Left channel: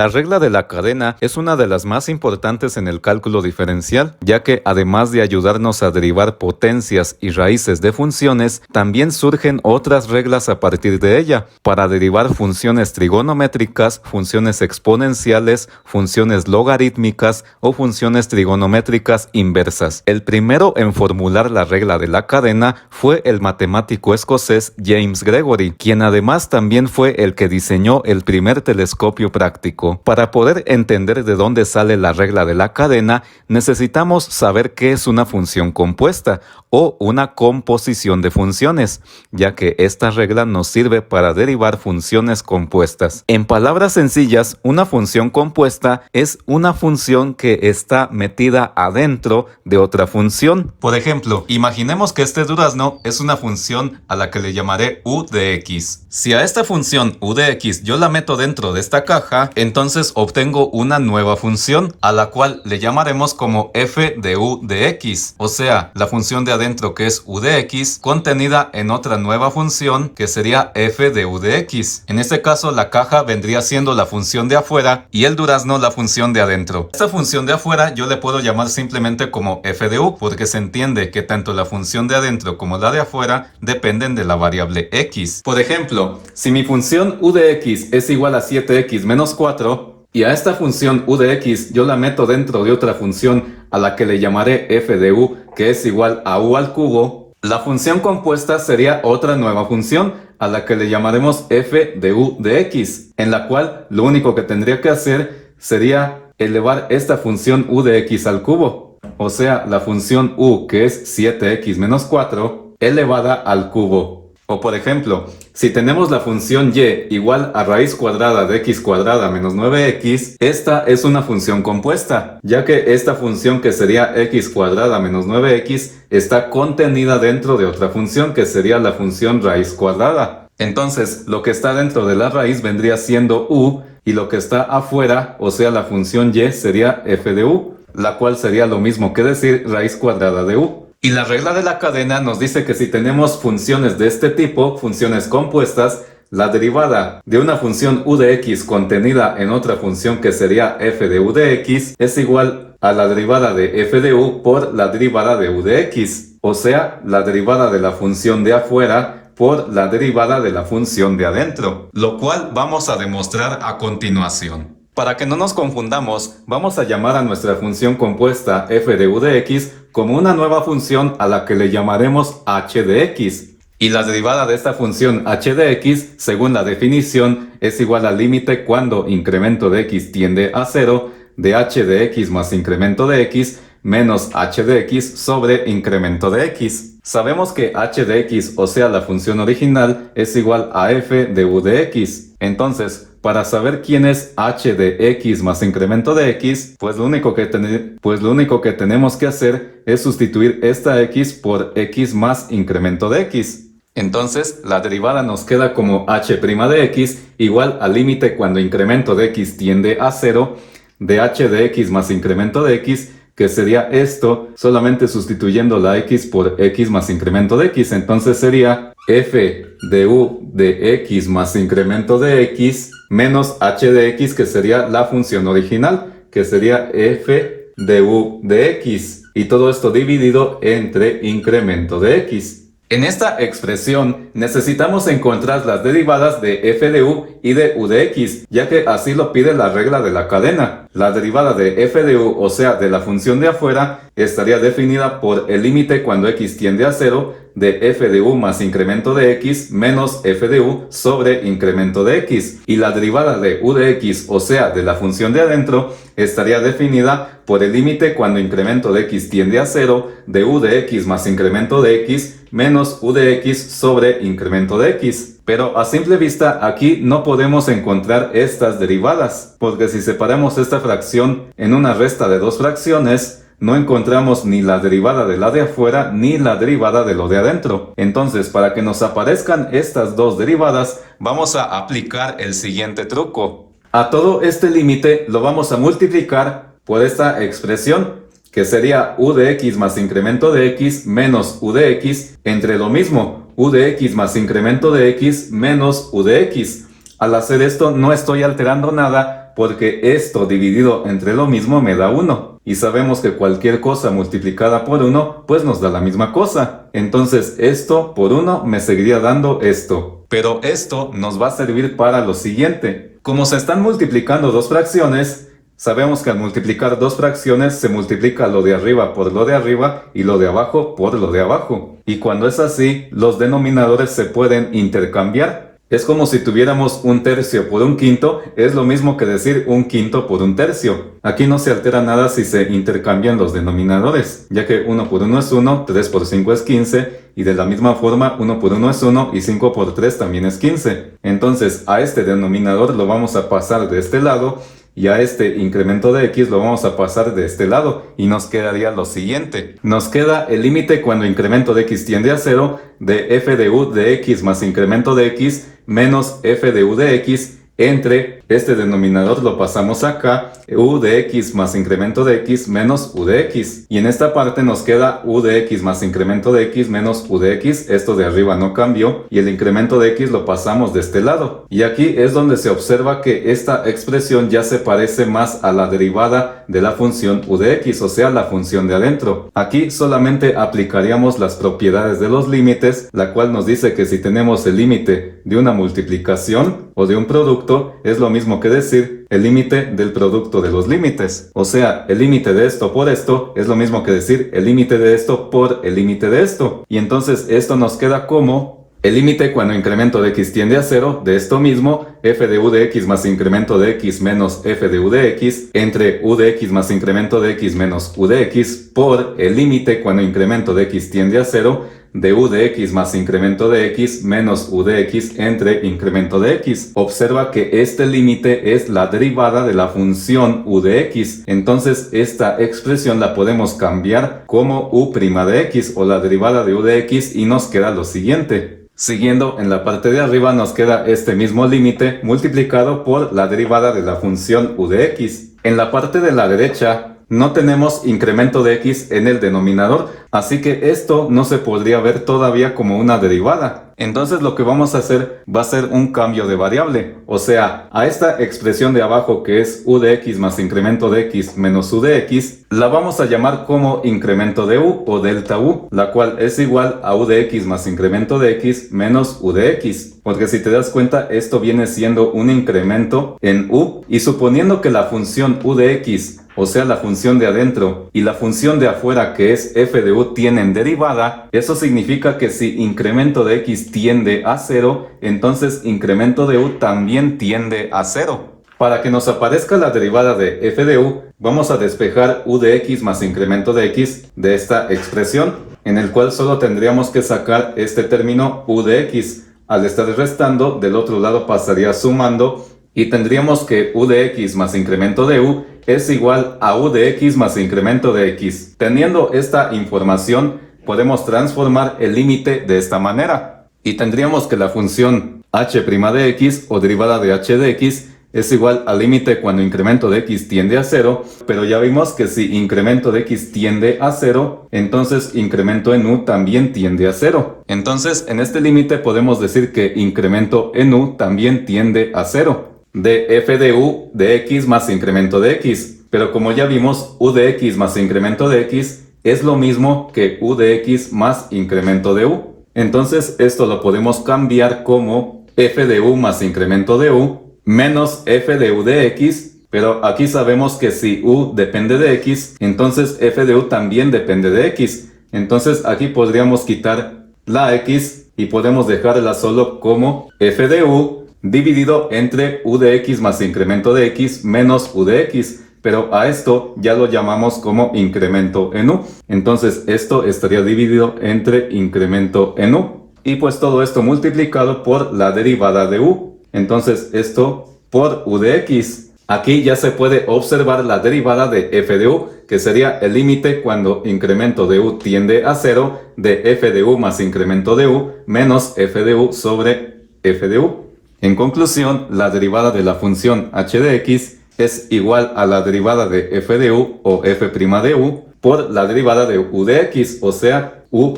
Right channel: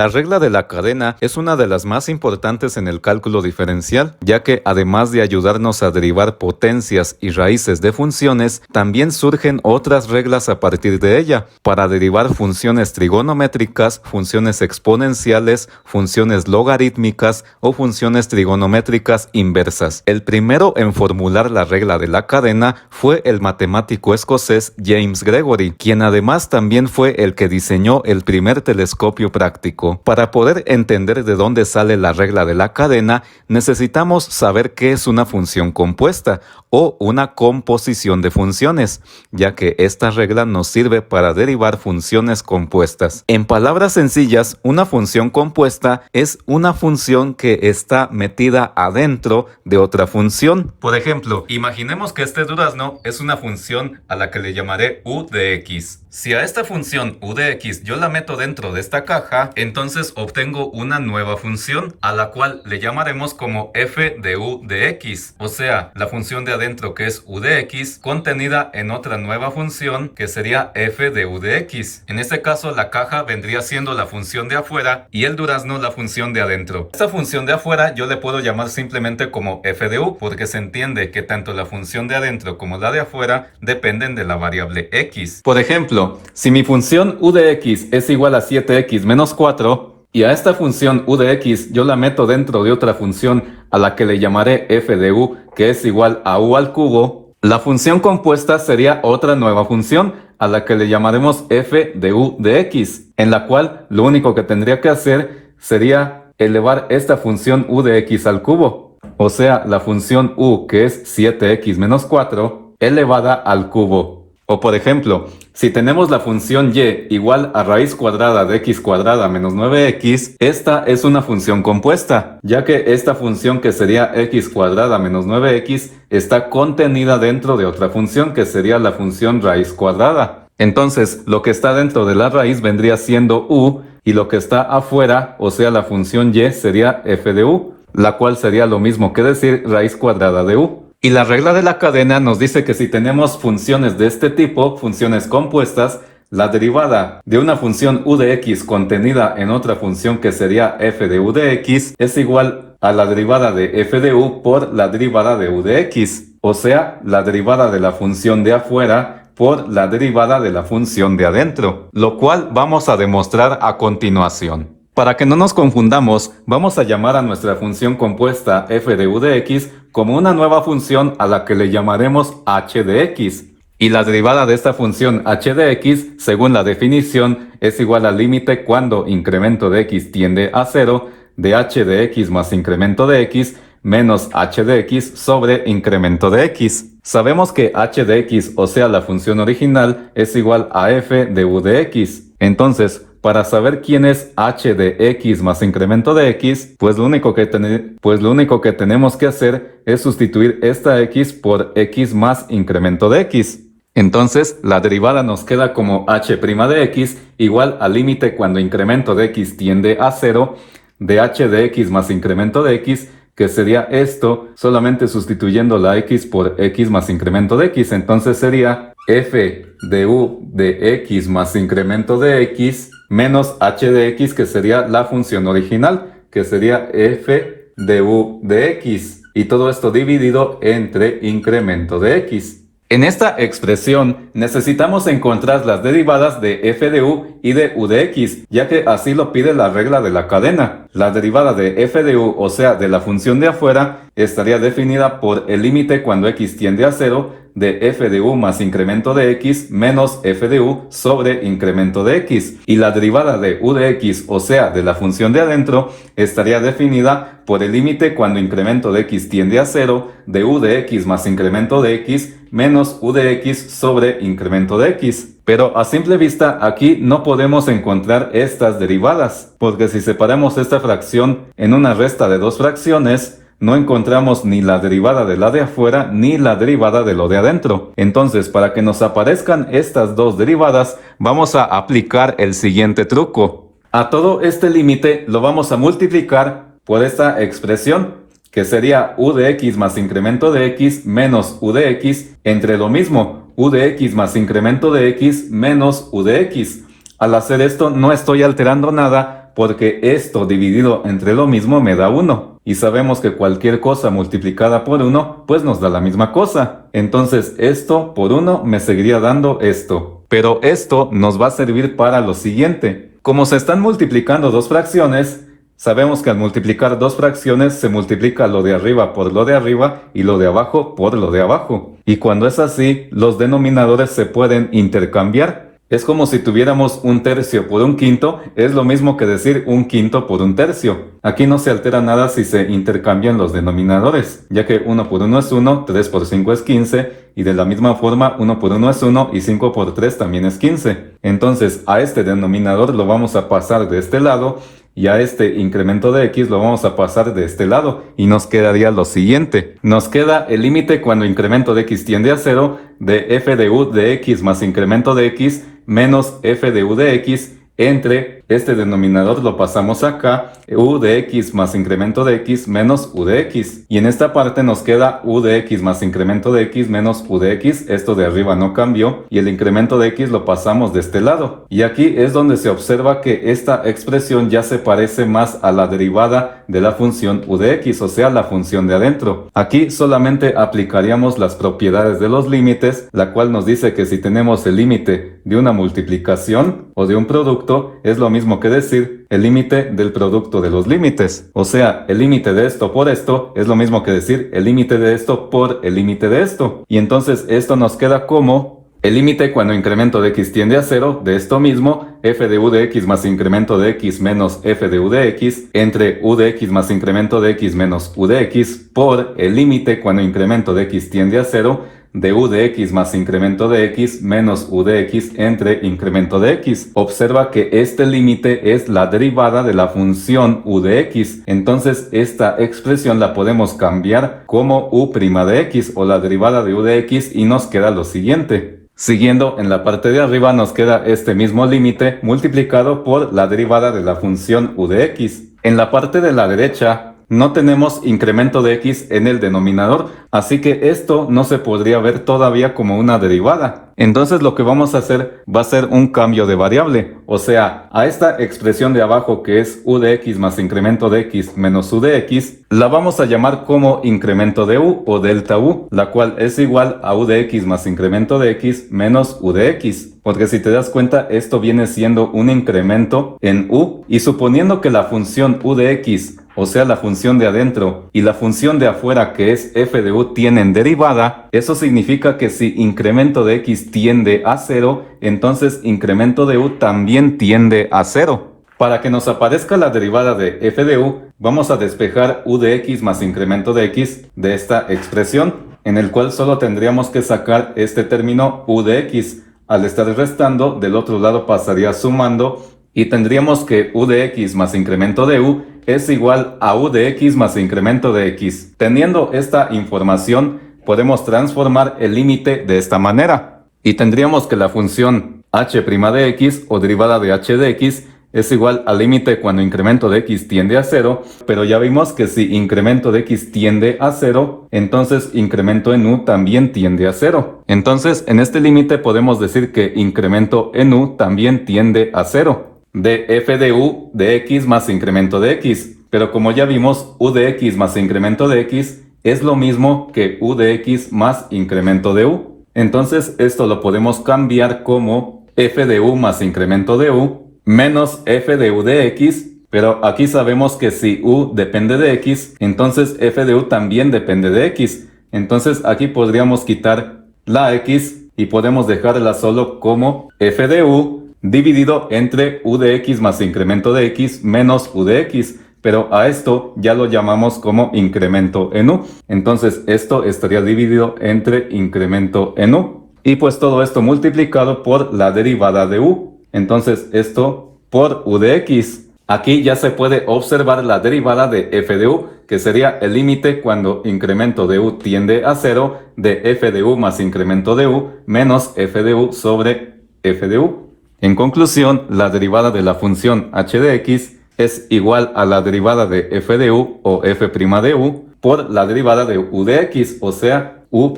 La regla de la cadena es una de las más importantes en el cálculo diferencial, ya que además de ayudarnos a derivar potencias y raíces de funciones, también surgen otras reglas a partir de ella, para derivar funciones trigonométricas, funciones exponenciales, funciones logarítmicas o funciones trigonométricas inversas. El primero en formular la regla de la cadena fue el matemático escocés James Gregory, quien además también fue el que diseñó el primer telescopio práctico. Para poder entender de dónde sale la regla de la cadena, necesitamos saber qué es una función compuesta o una composición de funciones, ya que esta regla nos sirve para derivar funciones compuestas. En palabras sencillas, una función compuesta es una función que está metida adentro de otra función. Por ejemplo, imaginemos que este durazno es una función a la que le llamaré u de x. Si a esta función u de x yo la meto dentro de esta caja, entonces obtengo una nueva función a la cual le llamaremos como f de u de x, o sea, la función de adentro que es u de x contenida en otra nueva función que sería f de u de x. En este caso la caja vendría siendo la función de afuera y el durazno la función de adentro. Esta función de afuera yo le puedo llamar simplemente como f de u porque se entiende que tanto la función de adentro como la de afuera dependen de la variable x. Por ejemplo, si mi función u de x es igual a 7x menos 4 y a esta función u de x yo la meto dentro de otra función a la que le llamaré f de u que es igual a u al cubo, la función compuesta sería otra nueva función a la que le llamaremos f de u de x, en la cual lo único que tendría que hacer sería elevar esta función u de x al cubo, o sea, la función u que es 7x menos 4 elevada al cubo. O por ejemplo, si tenemos la función y igual a raíz cuadrada de x cuadrada menos 9x, esta es una función compuesta, ya que esta función que sería x cuadrada menos 9x está contenida dentro de otra función que sería la función raíz cuadrada. Entonces, lo que está dentro de la raíz vendría siendo u y lo que está afuera, o sea la función y, sería f de u, la cual sería lo mismo que decir raíz cuadrada de u. Y la regla de la cadena nos dice que si tenemos funciones de este tipo, funciones compuestas, la derivada de una función u de x contenida en otra función que sería f de u de x es igual a la derivada de f de u por la derivada de u de x, o sea, la derivada de la función de afuera por la derivada de la función de adentro, lo cual vamos a demostrar a continuación. Para que no nos confundamos, vamos a llamar a nuestra función compuesta f de u de x como una nueva función a la que le llamaremos h de x. Y la derivada de esta función h de x, según la definición, es igual al límite cuando incremento de x tiende a 0 de h de x más incremento de x menos h de x sobre incremento de x. Sabemos que h de x, o sea la función original, es igual a f de u de x. Entonces, para saber quién es h de x más incremento de x, pues lo único que tenemos que hacer es sustituir esta x por x más incremento de x. Entonces, la derivada nos queda como h' de x igual al límite cuando incremento de x tiende a 0 de h de x más incremento de x, que sería esto solamente sustituyendo la x por x más incremento de x. Entonces sería f de u de x más incremento de x menos h de x, que sería la función original, que sería f de u de x. Y todo esto dividido entre incremento de x. En esta expresión necesitamos encontrar las derivadas de f de u y de u de x, ya que así lo pide la regla de la cadena. La derivada de f de u, o sea, de la función de afuera, estaría definida por el límite cuando x tiende a 0 de f de u más incremento de x menos f de u sobre incremento de x. Y la derivada de u de x, o sea, de la función de adentro, estaría definida por el límite cuando incremento de x tiende a 0 de u de x más incremento de x menos u de x sobre incremento de x. Pero a simple vista aquí no podemos encontrar estas derivadas, porque si separamos esta fracción en una resta de dos fracciones, no encontramos ni la derivada de la de afuera ni la derivada de lo de adentro. Entonces, para que nos aparezcan estas dos derivadas, vamos a aplicar el siguiente truco. A todo este límite lo vamos a multiplicar por esta expresión, que sería u de x más incremento de x menos u de x entre lo mismo, u de x más incremento de x menos u de x. Al hacer esto no estoy alterando nada, cuenta porque esto dividido entre lo mismo me da 1. Y sabemos que cualquier cosa multiplicada por 1 pues nos da la misma cosa. Entonces esto por 1 me seguiría dando esto. Pero esto nos va a servir para lo siguiente. Como se están multiplicando dos fracciones, sabemos que al multiplicar dos fracciones se multiplica lo de arriba por lo de arriba y lo de abajo por lo de abajo. Y cuando es así, los denominadores se pueden intercambiar. Es como si tuviéramos un tercio por un quinto, es lo mismo que decir un quinto por un tercio. Aquí no se altera nada si se intercambian los denominadores, ya que 1 por 1 es 1, 3 por 5 es 15, y de la misma forma 1 por 1 es 1 y 5 por 3 también es 15. Entonces a este denominador lo vamos a pasar de este lado, y a este incremento de x lo vamos a pasar de este lado y nos quedaría lo siguiente. Nos queda el límite cuando incremento de x tiende a 0 de f de u de x más incremento de x menos f de u de x entre este denominador lo pasamos acá, u de x más incremento de x menos u de x. Y en esta parte nos queda u de x más incremento de x menos u de x. Esto de arriba no cambió y el incremento de x lo pasamos de este lado. Y aquí es donde se observa que esta expresión ya se parece más a la derivada de la función u de x, o sea, la función de adentro. Aquí solamente aplicaríamos las propiedades de los límites, la cual nos dice que si tenemos el límite de una multiplicación o de un producto, es lo mismo que decir el límite del producto de los límites. O sea, el límite de esto por esto es lo mismo que decir el límite de esto por el límite de esto. Y entonces esto nos queda como el límite cuando incremento de x tiende a 0 de esto mismo, f de u de x más incremento de x menos f de u de x entre u de x más incremento de x menos u de x por el límite cuando incremento de x tiende a 0 de u de x más incremento de x menos u de x entre incremento de x. Observa que este límite es la derivada de la función u de x. Entonces esta expresión la podemos cambiar como u' de x o la derivada de u de x y nos queda lo siguiente. Siguiendo en la parte de arriba nos queda este mismo límite multiplicado por la derivada de la función u de x. En la parte de la derecha no tenemos incremento de x en el denominador, así que esto no se podría ver todavía como una derivada. Entonces lo que vamos a hacer va a ser un cambio de variable, o sea, a esta expresión de abajo que es u de x más incremento de x menos u de x, la vamos a llamar como incremento de u o delta u, la cual es igual a u de x más incremento de x menos u de x. Porque si te das cuenta, esto viene siendo un incremento en u, y suponiendo que la función u de x, o sea la función de adentro, y la función de afuera que es f de u tienen derivada, eso significa que si incremento de x tiende a 0, entonces incremento de u también tiende a 0. Para que nos aparezca la derivada de f de u, vamos a despejar u de x más incremento de x de esta expresión, en el cual solo tendríamos que sacar este término u de x. Al estar restando, del otro lado pasaría sumando y tendríamos que u de x más incremento de u es igual a u de x más incremento de x. Teniendo esta información, podemos transformar el límite de esta manera. Y tendríamos que la función h' de x o derivada de h de x es igual al límite cuando incremento de x tiende a 0, pero ya vimos que si incremento de x tiende a 0, entonces incremento en u también tiende a 0. Entonces en este límite podemos decir que incremento en u también tiende a 0. De f de u de x más incremento de x, pero como ya vimos, u de x más incremento de x es lo mismo que u de x más incremento de u. Entonces esto lo podemos cambiar como f de u más incremento de u menos f de u de x, pero aquí sabemos que si u depende de x, entonces f de u también depende de x. Entonces aquí podríamos quitar la x y podemos dejarla solo como f de u dividido entre u de x más incremento de x menos u de x. Pero a esto ya lo llamamos como incremento en u. Entonces esto estaría dividido entre incremento en u. Y pues todo esto multiplicado por la derivada de u. Entonces esto por u de x. Aquí ya se puede observar la derivada de f de u, que sería el límite cuando incremento de u tiende a 0 de f de u más incremento de u menos f de u sobre f de u. En conclusión, la derivada de la función h de x es igual a la derivada de f de u o f' de u por la derivada de u de x, o sea, u'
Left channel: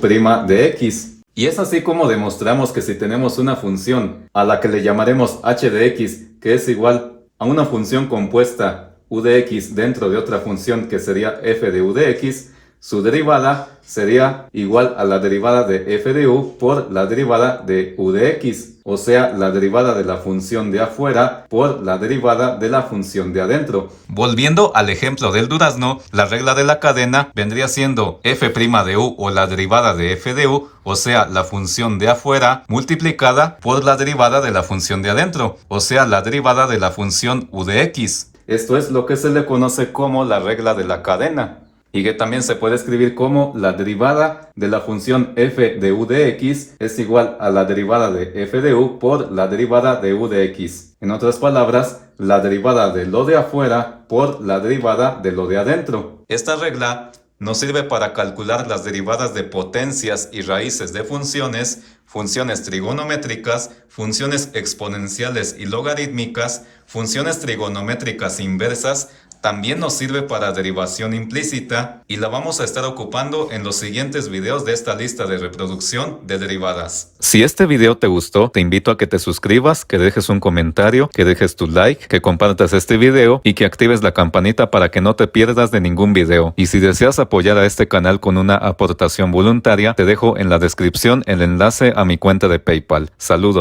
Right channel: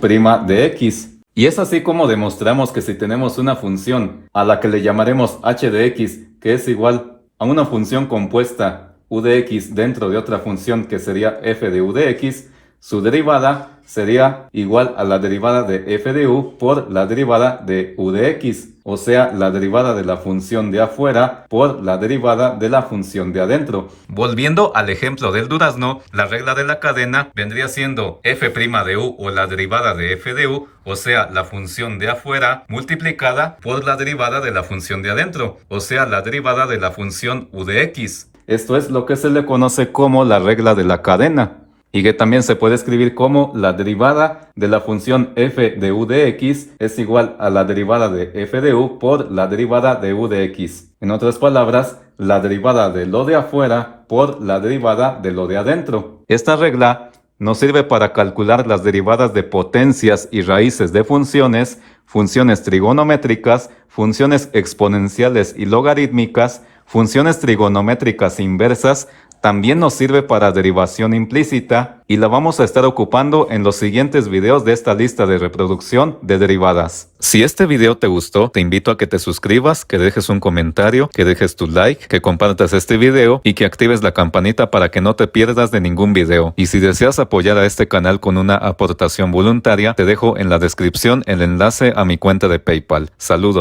de x. Y es así como demostramos que si tenemos una función a la que le llamaremos h de x, que es igual a una función compuesta u de x dentro de otra función que sería f de u de x, su derivada sería igual a la derivada de f de u por la derivada de u de x, o sea, la derivada de la función de afuera por la derivada de la función de adentro. Volviendo al ejemplo del durazno, la regla de la cadena vendría siendo f' de u o la derivada de f de u, o sea, la función de afuera multiplicada por la derivada de la función de adentro, o sea, la derivada de la función u de x. Esto es lo que se le conoce como la regla de la cadena, y que también se puede escribir como la derivada de la función f de u de x es igual a la derivada de f de u por la derivada de u de x. En otras palabras, la derivada de lo de afuera por la derivada de lo de adentro. Esta regla nos sirve para calcular las derivadas de potencias y raíces de funciones, funciones trigonométricas, funciones exponenciales y logarítmicas, funciones trigonométricas inversas. También nos sirve para derivación implícita y la vamos a estar ocupando en los siguientes videos de esta lista de reproducción de derivadas. Si este video te gustó, te invito a que te suscribas, que dejes un comentario, que dejes tu like, que compartas este video y que actives la campanita para que no te pierdas de ningún video. Y si deseas apoyar a este canal con una aportación voluntaria, te dejo en la descripción el enlace a mi cuenta de PayPal. Saludos.